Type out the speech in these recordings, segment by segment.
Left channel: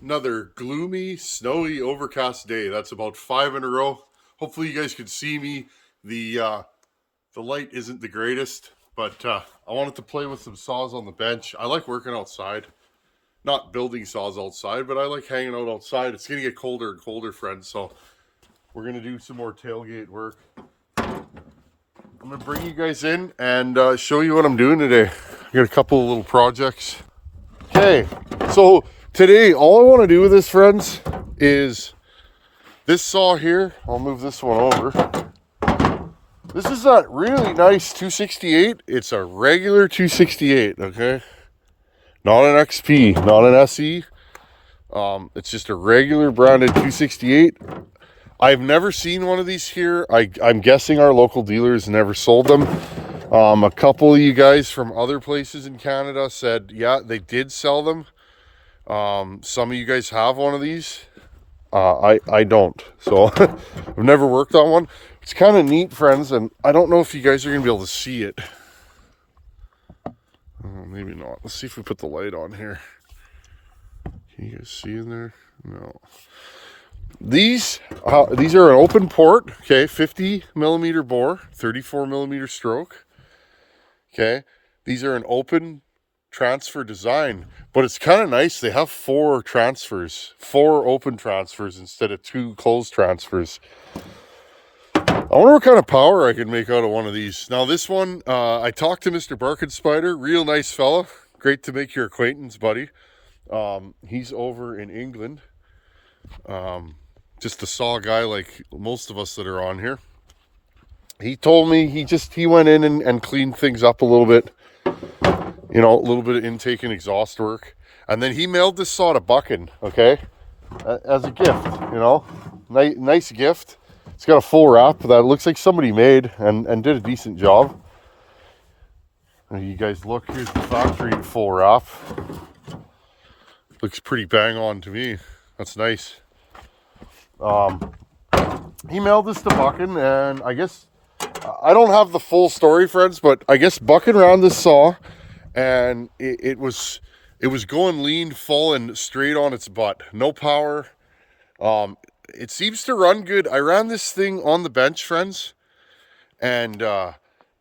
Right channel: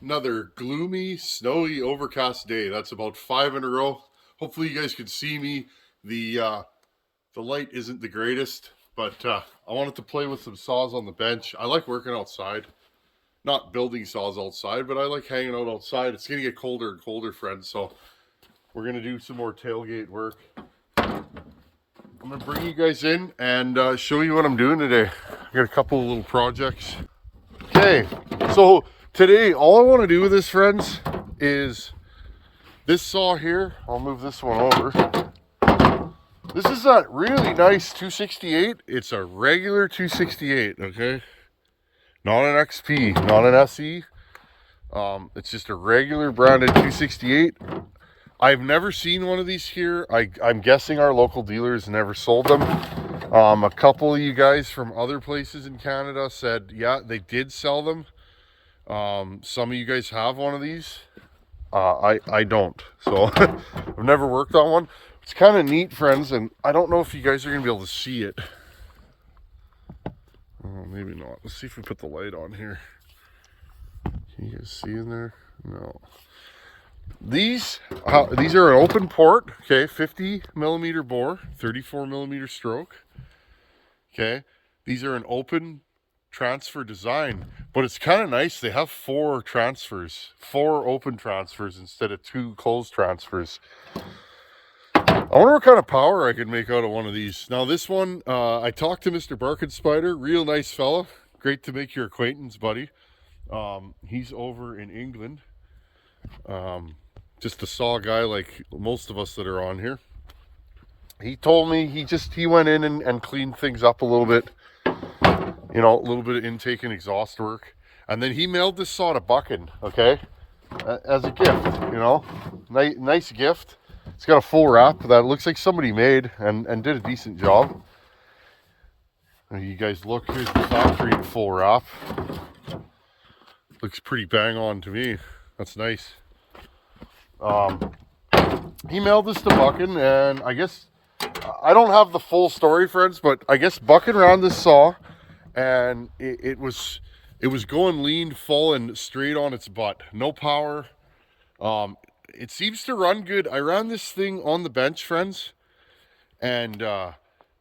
Another gloomy, snowy, overcast day. That's about 5 in a row. Hopefully you guys can see me. The light isn't the greatest, but I wanted to play with some saws on the bench. I like working outside. Not building saws outside, but I like hanging out outside. It's going to get colder and colder, friends, so we're going to do some more tailgate work. I'm going to bring you guys in and show you what I'm doing today. I got a couple of little projects. Okay, so today, all I want to do with this, friends, is this saw here. I'll move this one over. This is that really nice 268. It's a regular 268, okay? Not an XP, not an SE. It's just a regular branded 268. I've never seen one of these here. I'm guessing our local dealers never sold them. A couple of you guys from other places in Canada said, yeah, they did sell them. Some of you guys have one of these. I don't. So I've never worked on one. It's kind of neat, friends, and I don't know if you guys are going to be able to see it. Oh, maybe not. Let's see if we put the light on here. Can you guys see in there? No. These are an open port, okay, 50 millimeter bore, 34 millimeter stroke. Okay, these are an open transfer design, but it's kind of nice. They have 4 transfers, 4 open transfers instead of 2 closed transfers. I wonder what kind of power I can make out of one of these. Now this one, I talked to Mr. Barkenspider, real nice fella. Great to make your acquaintance, buddy. He's over in England. Just a saw guy like most of us that are on here. He told me he went in and cleaned things up a little bit. You know, a little bit of intake and exhaust work. And then he mailed this saw to Buchan, okay? As a gift, you know? Nice gift. It's got a full wrap that looks like somebody made and did a decent job. When you guys look, here's the factory full wrap. Looks pretty bang on to me. That's nice. He mailed this to Buchan, and I guess I don't have the full story, friends, but I guess Buchan ran this saw, and it was going lean, full, and straight on its butt. No power. It seems to run good. I ran this thing on the bench, friends, and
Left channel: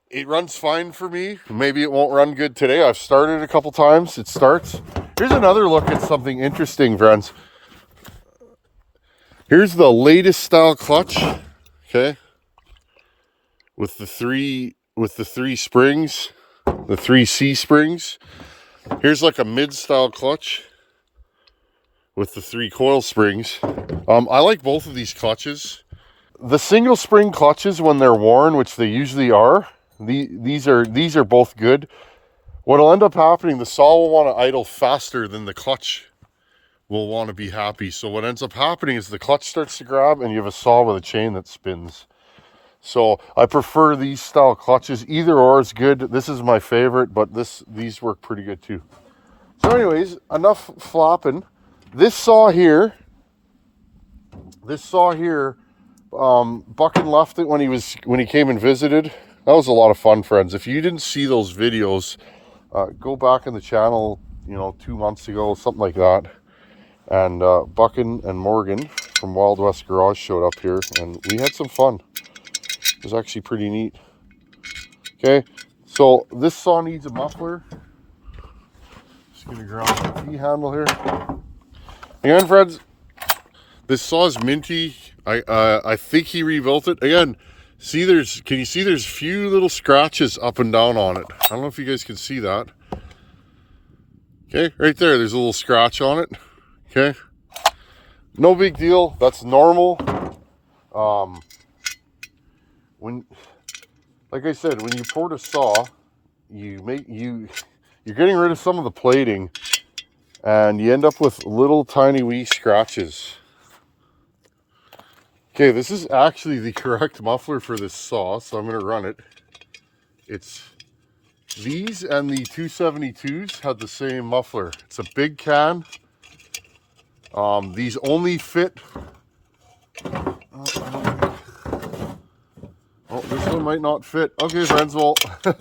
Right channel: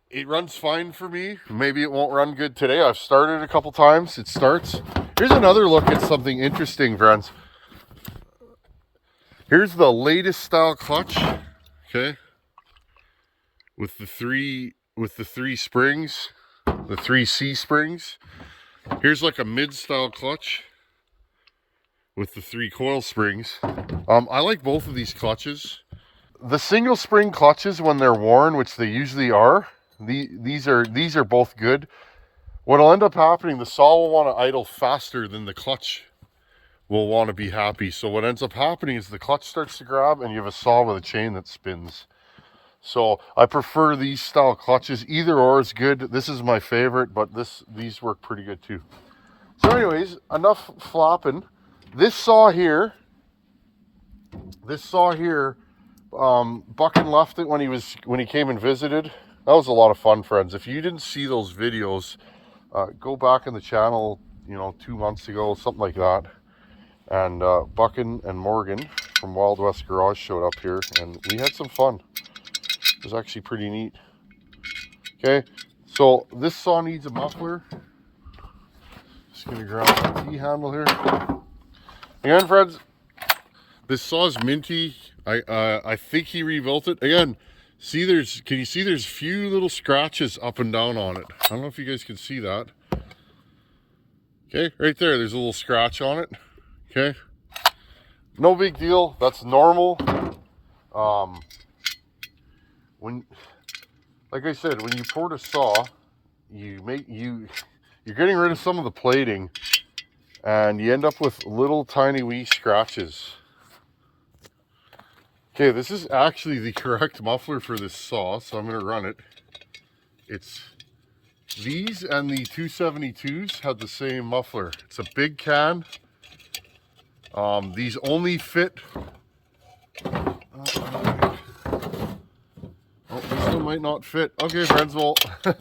it runs fine for me. Maybe it won't run good today. I've started a couple times. It starts. Here's another look at something interesting, friends. Here's the latest style clutch, okay? With the three springs, the 3 C springs. Here's like a mid-style clutch with the 3 coil springs. I like both of these clutches. The single spring clutches, when they're worn, which they usually are, these are both good. What'll end up happening, the saw will want to idle faster than the clutch will want to be happy. So what ends up happening is the clutch starts to grab and you have a saw with a chain that spins. So I prefer these style clutches. Either or is good. This is my favorite, but these work pretty good too. So anyways, enough flopping. This saw here, Buchan left it when he came and visited. That was a lot of fun, friends. If you didn't see those videos, go back in the channel, 2 months ago, something like that. And Buchan and Morgan from Wild West Garage showed up here, and we had some fun. It was actually pretty neat. Okay, so this saw needs a muffler. Just gonna grab my T-handle here. Again, friends, this saw is minty. I think he rebuilt it. Again, can you see there's a few little scratches up and down on it. I don't know if you guys can see that. Okay, right there, there's a little scratch on it. Okay, no big deal. That's normal. Like I said, when you port a saw, you're getting rid of some of the plating, and you end up with little tiny wee scratches. Okay, this is actually the correct muffler for this saw, so I'm going to run it. It's these and the 272s had the same muffler. It's a big can. These only fit. Oh, this one might not fit. Okay, friends, well, I'm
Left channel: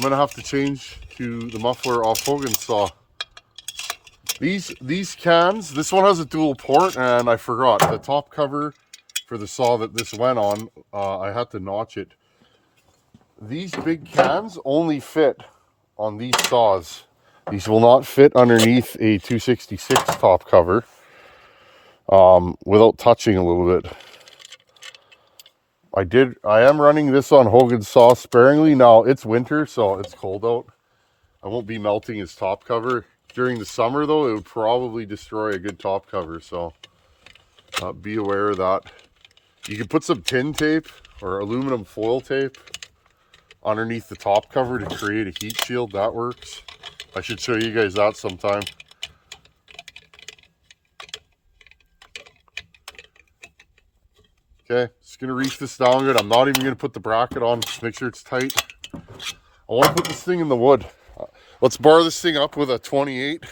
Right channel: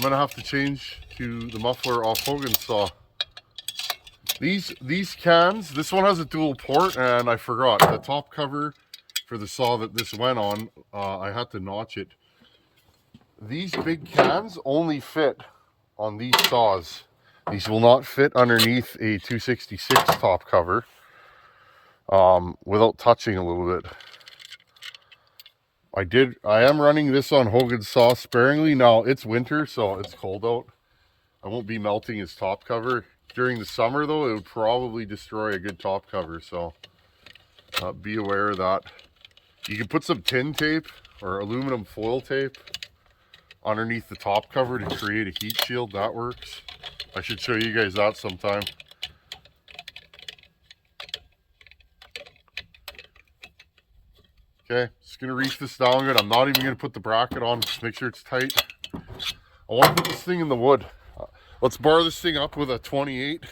gonna have to change to the muffler off Hogan's saw. These cans, this one has a dual port, and I forgot the top cover for the saw that this went on. I had to notch it. These big cans only fit on these saws. These will not fit underneath a 266 top cover without touching a little bit. I am running this on Hogan's saw sparingly. Now it's winter, so it's cold out. I won't be melting his top cover. During the summer though, it would probably destroy a good top cover, so be aware of that. You can put some tin tape or aluminum foil tape underneath the top cover to create a heat shield. That works. I should show you guys that sometime. Okay, just gonna reach this down good. I'm not even gonna put the bracket on, just make sure it's tight. I want to put this thing in the wood. Let's bar this thing up with a 28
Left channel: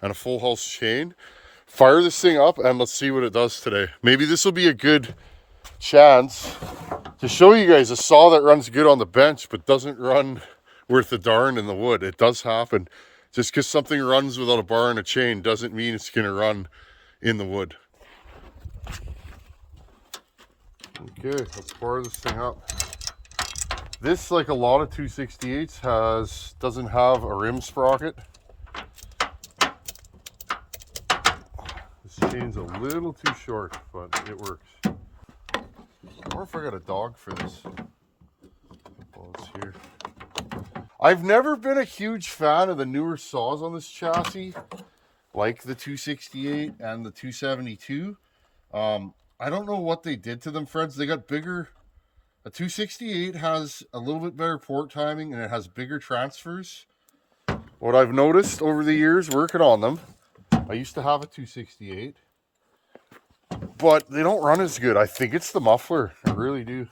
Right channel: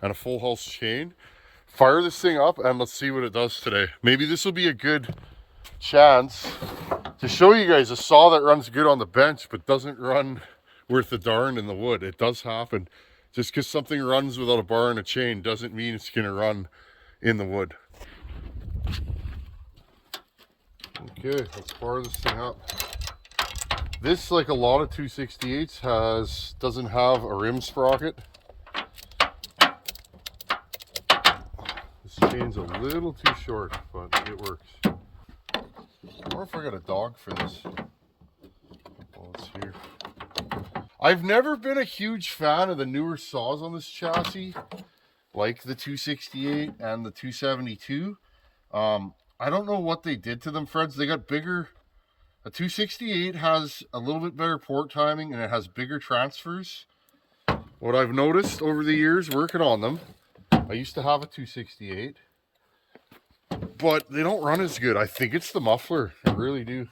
and a full house chain. Fire this thing up and let's see what it does today. Maybe this will be a good chance to show you guys a saw that runs good on the bench but doesn't run worth a darn in the wood. It does happen. Just because something runs without a bar and a chain doesn't mean it's going to run in the wood. Okay, let's bar this thing up. This, like a lot of 268s, doesn't have a rim sprocket. This chain's a little too short, but it works. I wonder if I got a dog for this. While it's here. I've never been a huge fan of the newer saws on this chassis, like the 268 and the 272. I don't know what they did to them, friends. They got bigger. A 268 has a little bit better port timing and it has bigger transfers. What I've noticed over the years working on them, I used to have a 268, but they don't run as good. I think it's the muffler. I really do.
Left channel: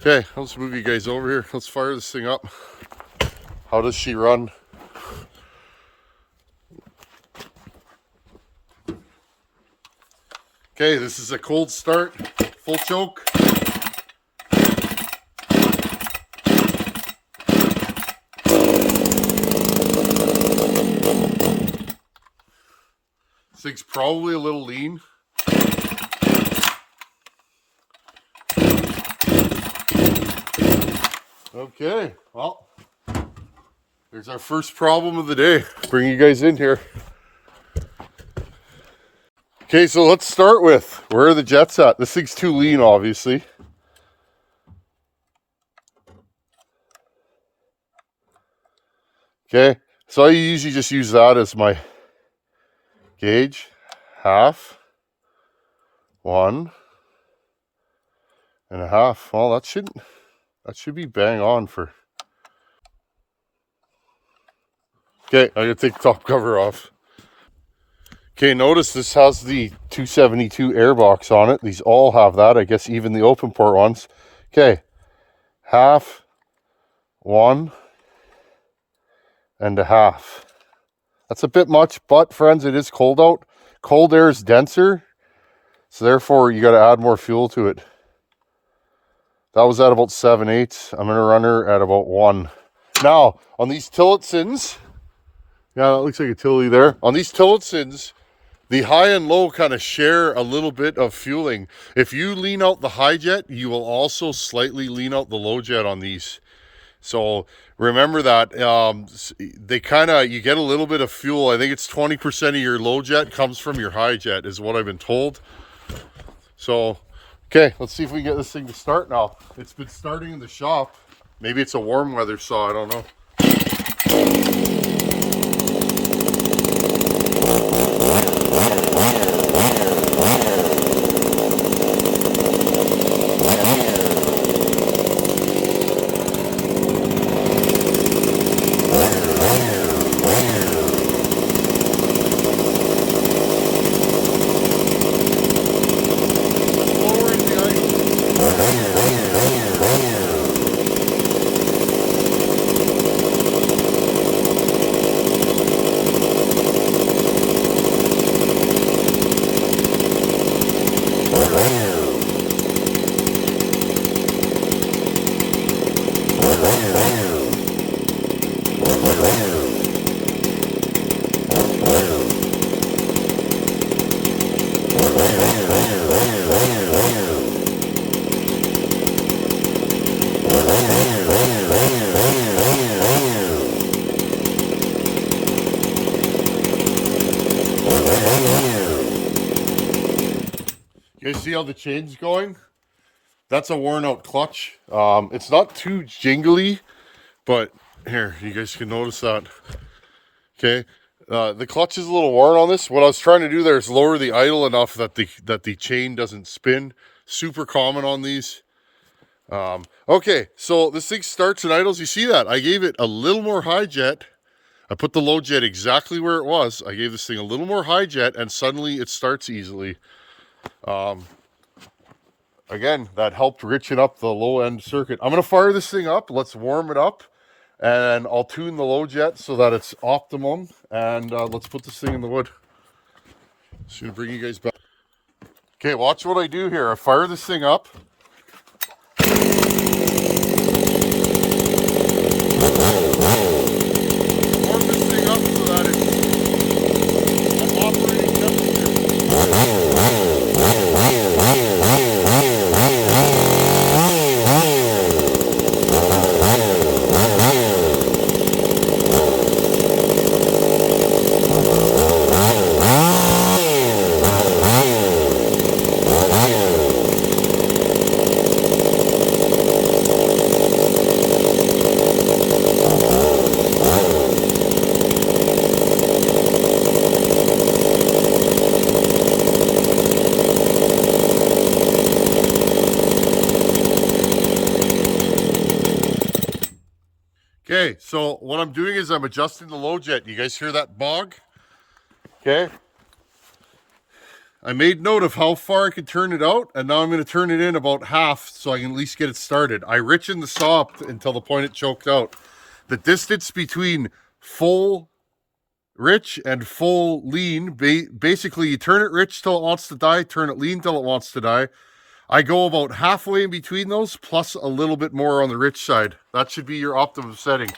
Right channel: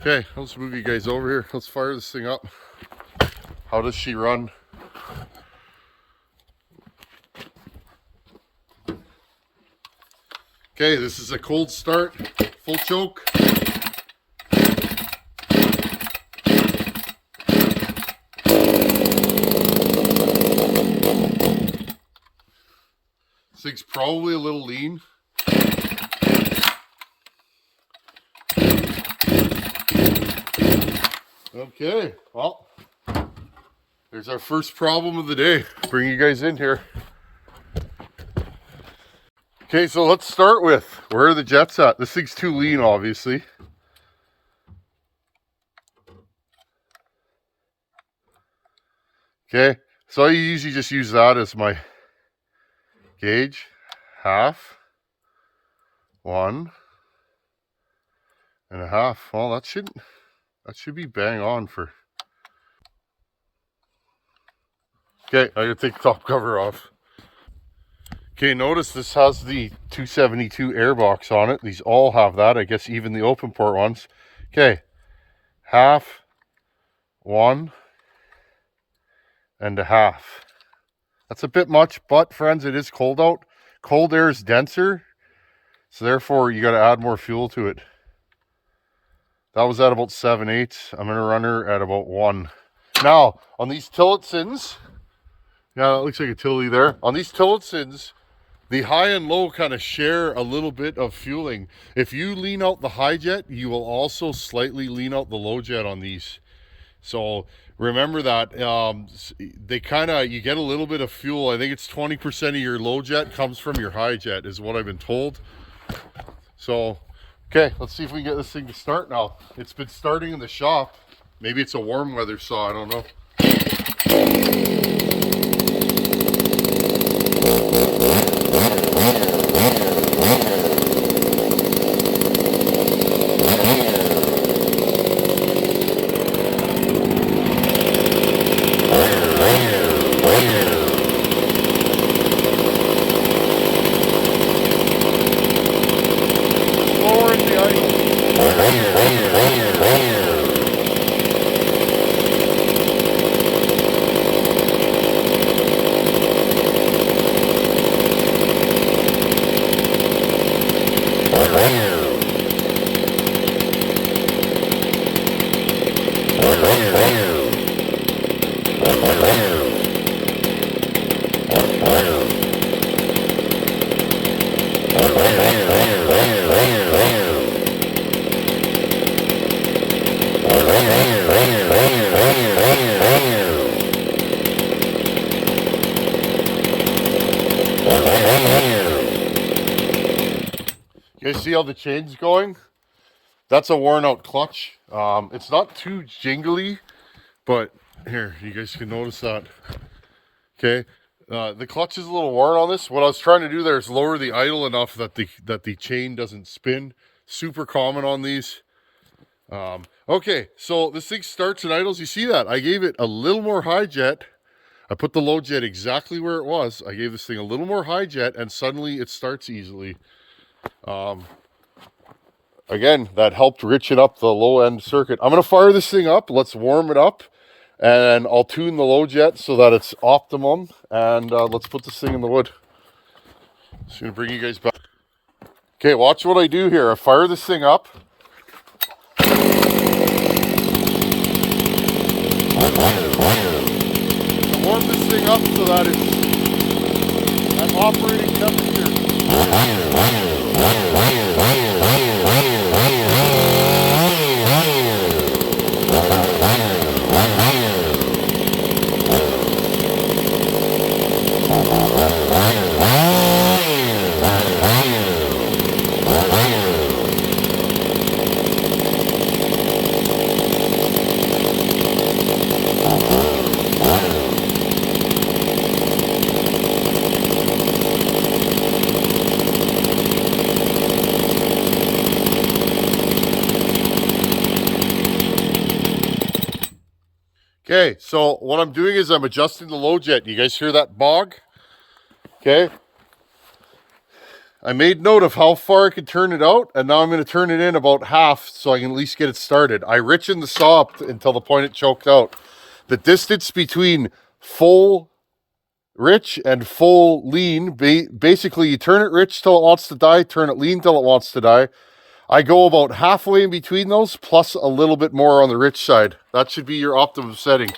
Okay, let's move you guys over here. Let's fire this thing up. How does she run? Okay, this is a cold start, full choke. This thing's probably a little lean. Okay, well, there's our first problem of the day. Bring you guys in here. Okay, so let's start with, where are the jets at? This thing's too lean, obviously. Okay, so I usually just use that as my gauge. Half, 1.5. Well, that should be bang on for. Okay, I'm gonna take the top cover off. Okay, notice this has the 272 airbox on it. These all have that, I guess even the open port ones. Okay, 1.5. That's a bit much, but friends, it is cold out. Cold air is denser, so therefore you got to add more fuel to it. That was at about 7/8. I'm going to run her at about 1. Now, on these Tillotssons, yeah, that looks like a Tilly there. On these Tillotssons, the high and low kind of share a little bit of fueling. If you lean out the high jet, you will also slightly lean out the low jet on these. So remember that you get a little bit of fuel. I think it's 20% of your low jet comes from your high jet is what I've been told. So, okay, let's see if we can get this thing to start now. It's been starting in the shop. Maybe it's a warm weather saw, I don't know. You guys see how the chain's going? That's a worn out clutch. It's not too jingly, but here, you guys can notice that. Okay, the clutch is a little worn on this. What I was trying to do there is lower the idle enough that the chain doesn't spin. Super common on these. Okay, so this thing starts and idles. You see that? I gave it a little more high jet. I put the low jet exactly where it was. I gave this thing a little more high jet, and suddenly it starts easily. Again, that helped richen up the low end circuit. I'm going to fire this thing up. Let's warm it up. And I'll tune the low jet so that it's optimum. And let's put this thing in the wood. Just going to bring you guys back. Okay, watch what I do here. I fire this thing up. Warm this thing up so that it's at operating temperature. Okay, so what I'm doing is I'm adjusting the low jet. You guys hear that bog? Okay. I made note of how far I could turn it out, and now I'm going to turn it in about half so I can at least get it started. I richened the saw up until the point it choked out. The distance between full rich and full lean, basically you turn it rich till it wants to die, turn it lean till it wants to die. I go about halfway in between those, plus a little bit more on the rich side. That should be your optimum setting.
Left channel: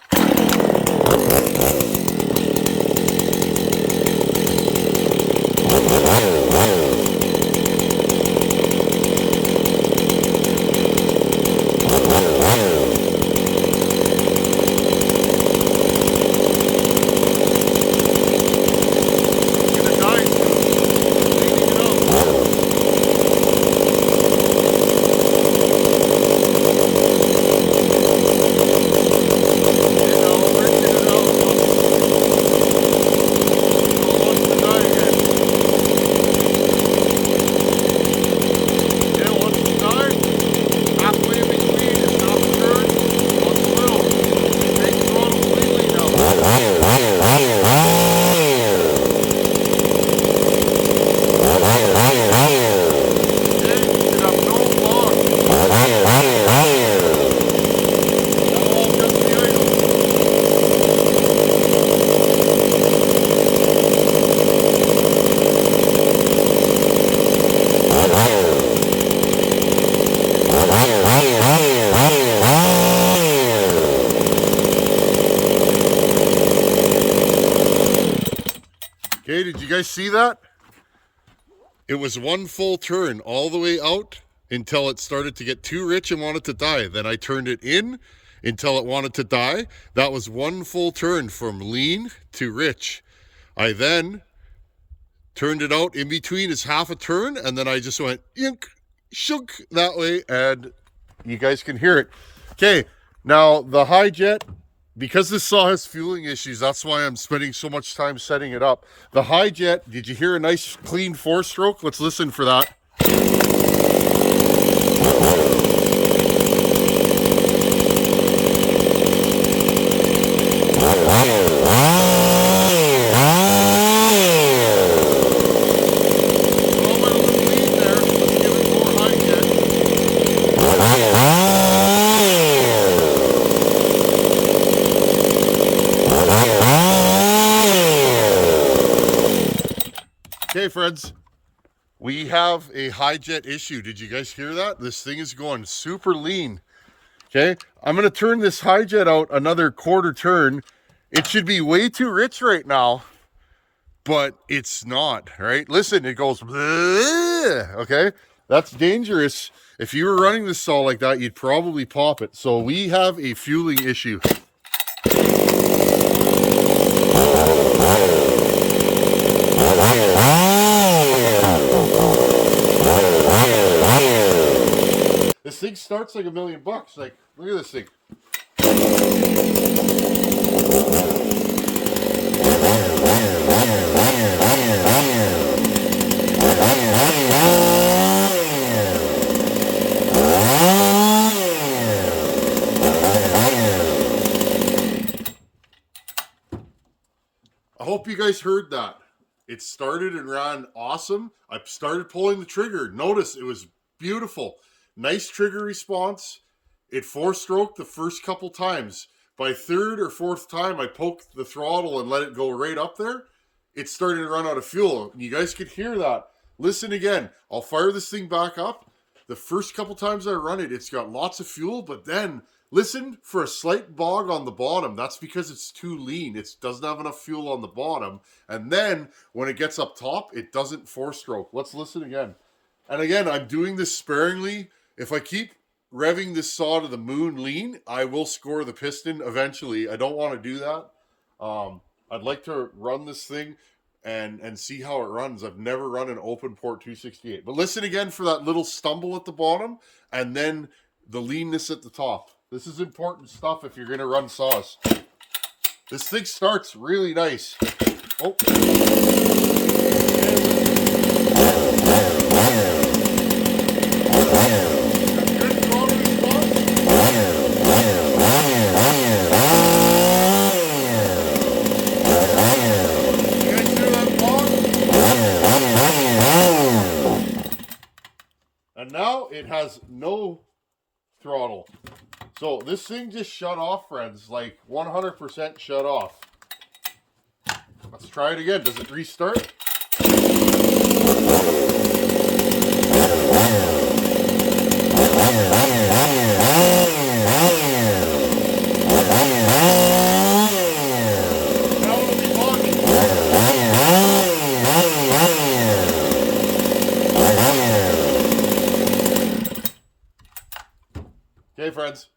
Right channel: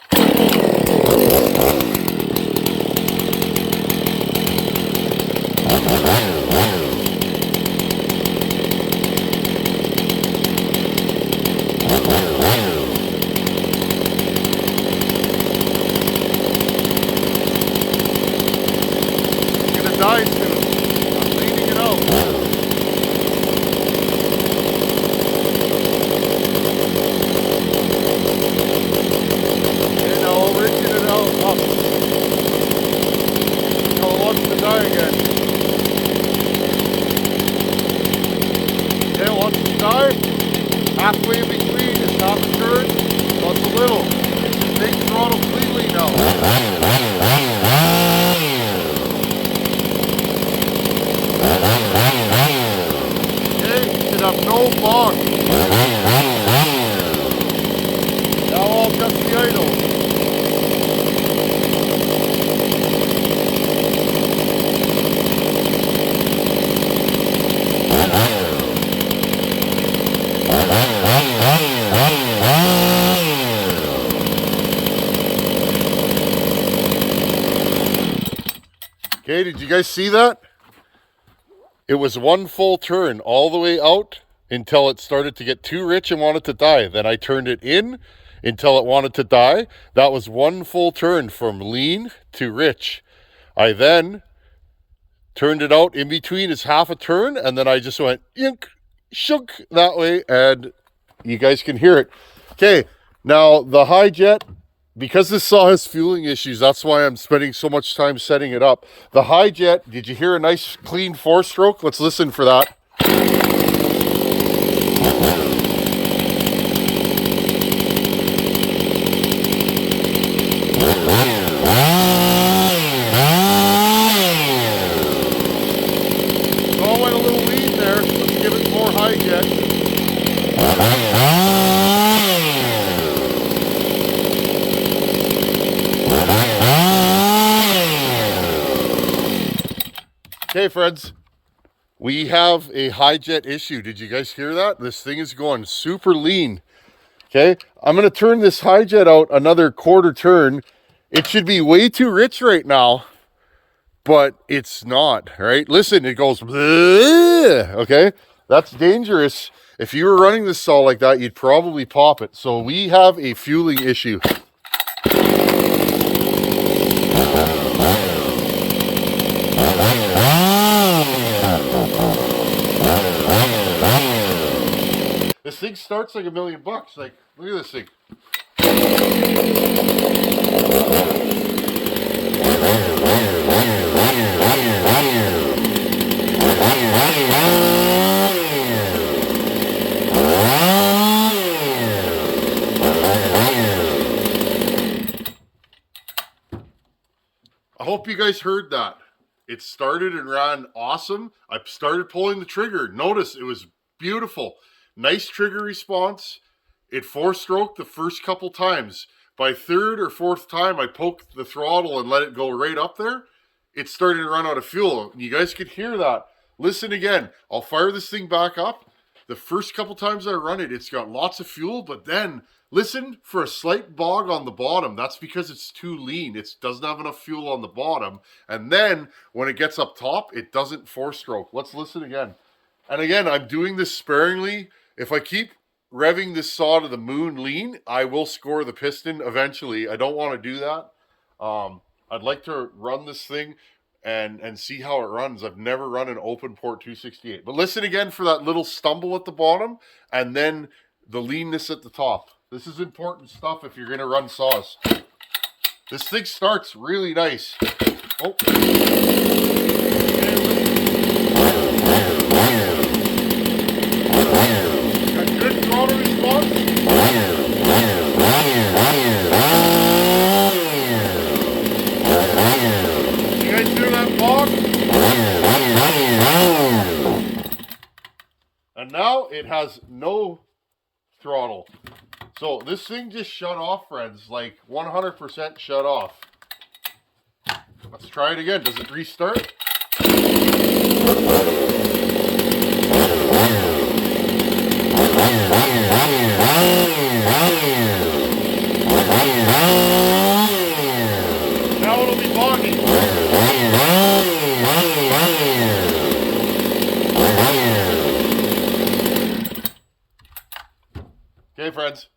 Okay, did you guys see that? It was one full turn all the way out until it started to get too rich and wanted to die. Then I turned it in until it wanted to die. That was one full turn from lean to rich. I then turned it out in between as half a turn, and then I just went yink, shook that way, and you guys can hear it. Okay, now the high jet, because this saw has fueling issues, that's why I'm spending so much time setting it up. The high jet, did you hear a nice clean 4-stroke? Let's listen for that. Okay, friends, we have a high jet issue. Did you guys hear that? This thing is going super lean. Okay, I'm going to turn this high jet out another quarter turn. It should be way too rich right now, but it's not, right? Listen, it goes, bleh, okay? That's dangerous. If you were running this saw like that, you'd probably pop it. So we have a fueling issue. thing starts like $1,000,000. Like, look at this thing. I hope you guys heard that. It started and ran awesome. I started pulling the trigger. Notice it was beautiful. Nice trigger response. It 4-stroked the first couple times. By third or fourth time, I poked the throttle and let it go right up there. It started to run out of fuel. You guys could hear that. Listen again. I'll fire this thing back up. The first couple times I run it, it's got lots of fuel, but then listen for a slight bog on the bottom. That's because it's too lean. It doesn't have enough fuel on the bottom. And then when it gets up top, it doesn't 4-stroke. Let's listen again. And again, I'm doing this sparingly. If I keep revving this saw to the moon lean, I will score the piston eventually. I don't want to do that. I'd like to run this thing and see how it runs. I've never run an open port 268. But listen again for that little stumble at the bottom and then the leanness at the top. This is important stuff if you're going to run saws. This thing starts really nice. Oh. Good throttle response. You guys hear that bog? And now it has no throttle. So this thing just shut off, friends, like 100% shut off. Let's try it again. Does it restart? Now it'll be logging. Okay, friends.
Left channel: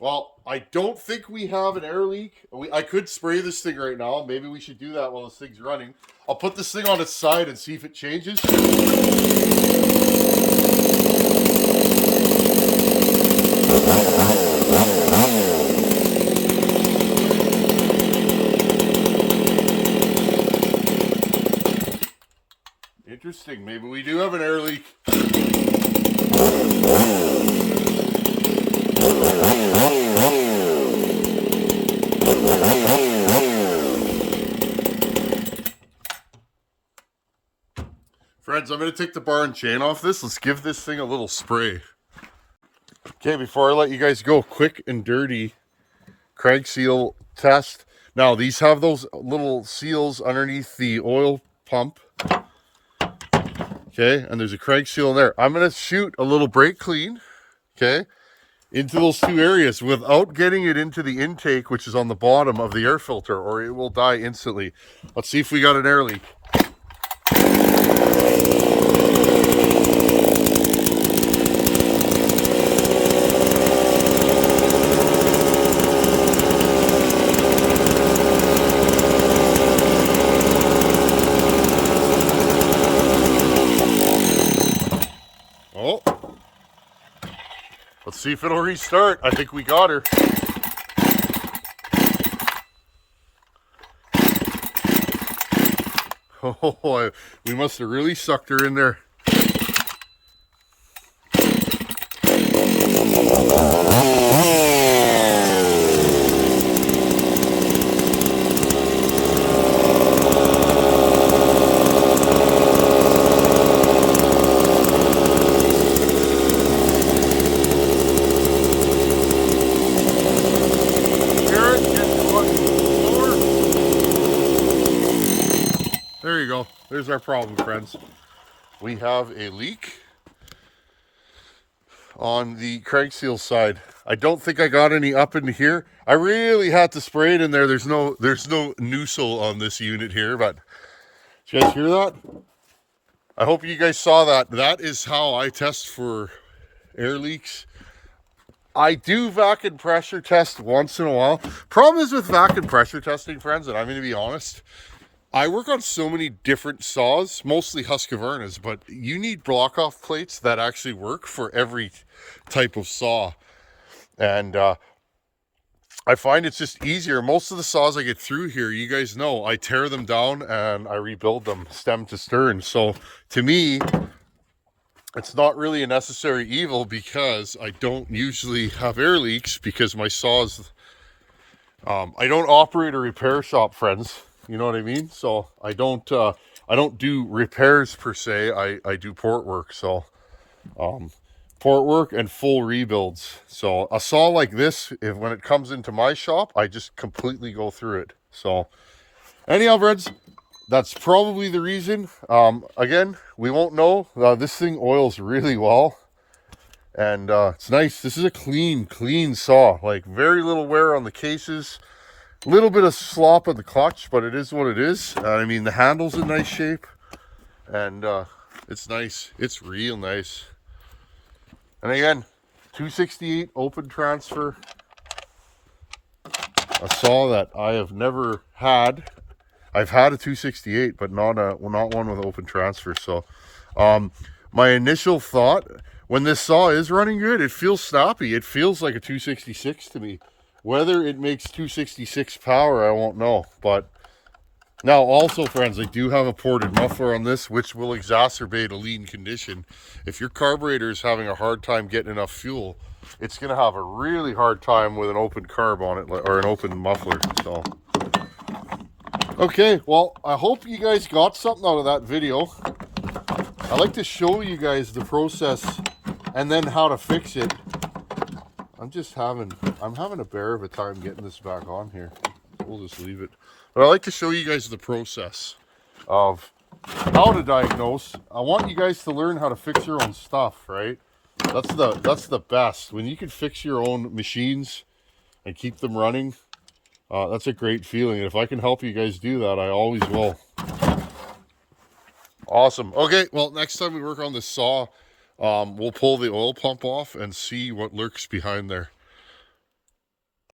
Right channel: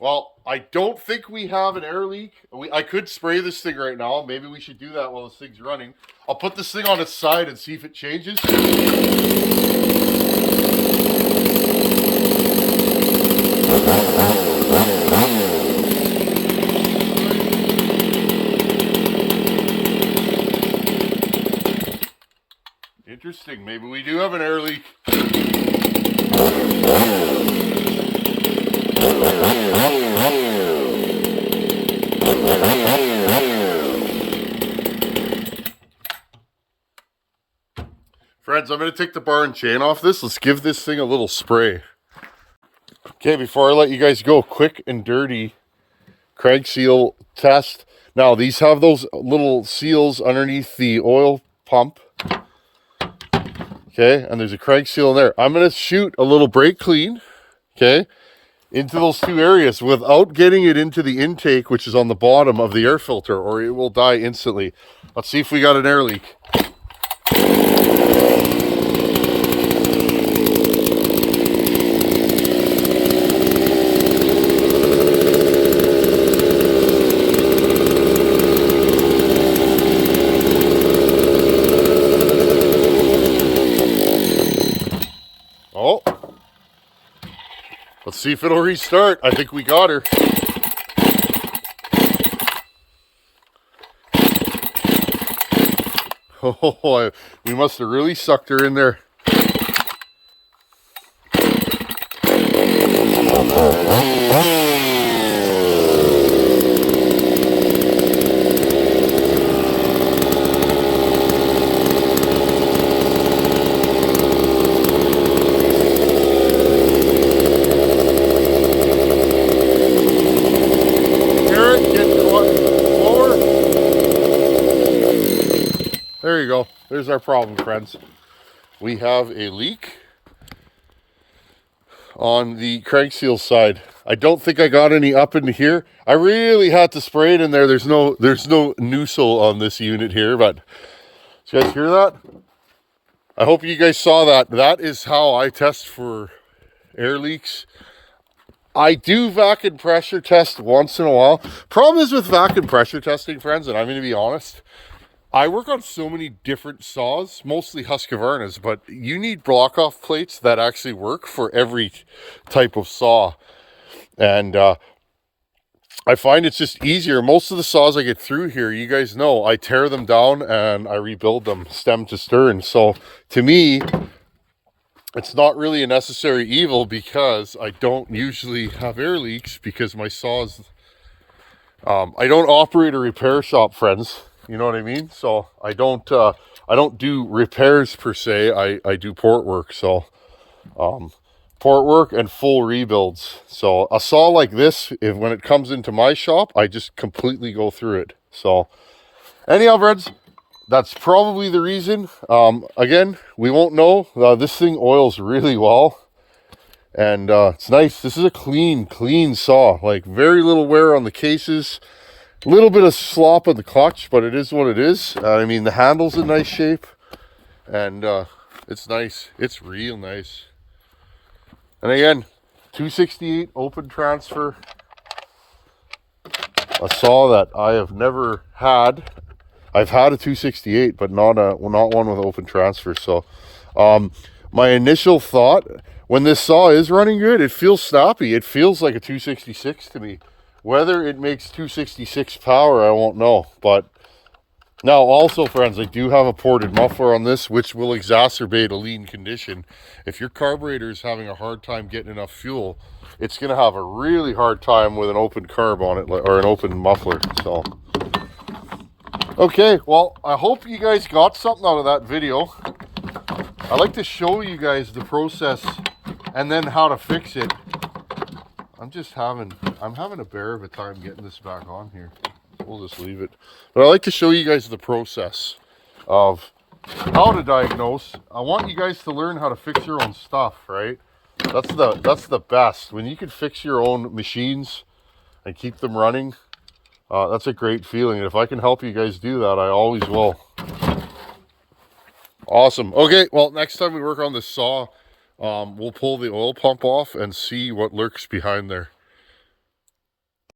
Well, I don't think we have an air leak. I could spray this thing right now. Maybe we should do that while this thing's running. I'll put this thing on its side and see if it changes. Interesting. Maybe we do have an air leak. Friends, I'm going to take the bar and chain off this. Let's give this thing a little spray. Okay, before I let you guys go, quick and dirty crank seal test. Now, these have those little seals underneath the oil pump. Okay, and there's a crank seal in there. I'm going to shoot a little brake clean, okay, into those two areas without getting it into the intake, which is on the bottom of the air filter, or it will die instantly. Let's see if we got an air leak. Oh, let's see if it'll restart. I think we got her. Oh, we must have really sucked her in there. There you go. There's our problem, friends. We have a leak on the crank seal side. I don't think I got any up into here. I really had to spray it in there. There's no nozzle on this unit here, but did you guys hear that? I hope you guys saw that. That is how I test for air leaks. I do vacuum pressure test once in a while. Problem is with vacuum pressure testing, friends, and I'm going to be honest, I work on so many different saws, mostly Husqvarna's, but you need block off plates that actually work for every type of saw. And I find it's just easier. Most of the saws I get through here, you guys know, I tear them down and I rebuild them stem to stern. So to me, it's not really a necessary evil because I don't usually have air leaks because my saws, I don't operate a repair shop, friends. You know what I mean? So I don't do repairs per se. I do port work. So port work and full rebuilds. So a saw like this, when it comes into my shop, I just completely go through it. So anyhow, friends, that's probably the reason. Again, we won't know. This thing oils really well. And it's nice. This is a clean saw. Like very little wear on the cases. A little bit of slop on the clutch, but it is what it is. I mean, the handle's in nice shape. And it's nice. It's real nice. And again, 268 open transfer. A saw that I have never had. I've had a 268, but not one with open transfer. So my initial thought, when this saw is running good, it feels snappy. It feels like a 266 to me. Whether it makes 266 power, I won't know. But now also, friends, I do have a ported muffler on this, which will exacerbate a lean condition. If your carburetor is having a hard time getting enough fuel, it's going to have a really hard time with an open carb on it, or an open muffler. So, okay, well, I hope you guys got something out of that video. I like to show you guys the process and then how to fix it. I'm having a bear of a time getting this back on here. We'll just leave it. But I like to show you guys the process of how to diagnose. I want you guys to learn how to fix your own stuff, right? That's the best. When you can fix your own machines and keep them running, that's a great feeling. And if I can help you guys do that, I always will. Awesome. Okay, well, next time we work on this saw, we'll pull the oil pump off and see what lurks behind there.